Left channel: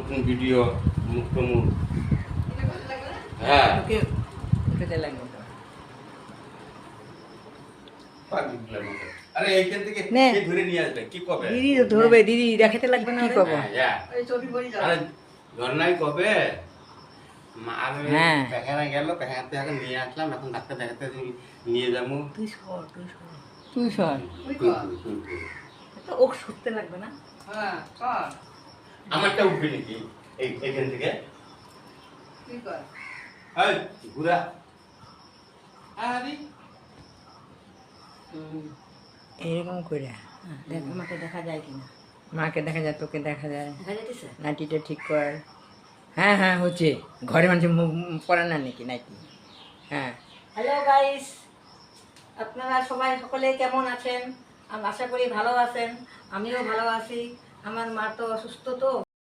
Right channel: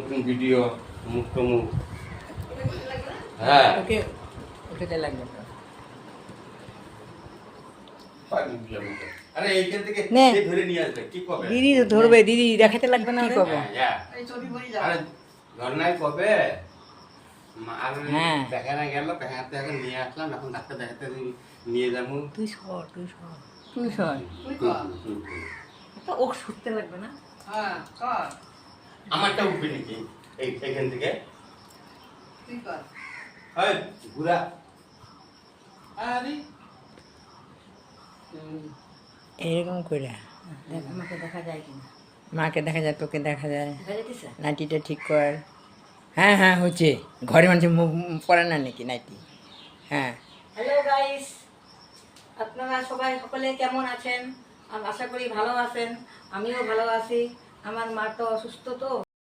নতুন ভিডিও মুক্ত মুখ। হ্যাঁ ওকে ওকে লাগবে তো। আরে এইখান থেকে নে। কে ধরে নিয়ে আসবে কি কবে? দিদি তো ধরবে, দিদি দেখাতে লাগবে না। কি করবো? হ্যাঁ, আরে ধর্নাই কবে? আমি হ্যাঁ। দেখানো গেল, দেখাতে এখন নিয়ে আসলাম, এখন ডাক্তার দেখাতে নিয়ে যাবো। তুই সর, তুই সর, তুই সর। ও ছুটতে লাগবে না। আমারটা উঠবে নাকি এইখান থেকে? এই, ঘুরা। আরে এরকম করে আমাকে দেখা যায় কিনা? মাকে দেখা যায়, তোকে দেখা যায়। দেখা যাইতেছে? নাইটিটা ঠিক কর। হ্যাঁ হ্যাঁ হচ্ছে। ঘরে মানুষের পড়ে না নাকি নাইটি? হ্যাঁ। হ্যালো গাইস, আপনারা সবাই সকলে কেমন আছেন? আমি আশা করি ভালো আছেন। আমিও ভালো আছি। আমার মা তো অসুস্থ তো।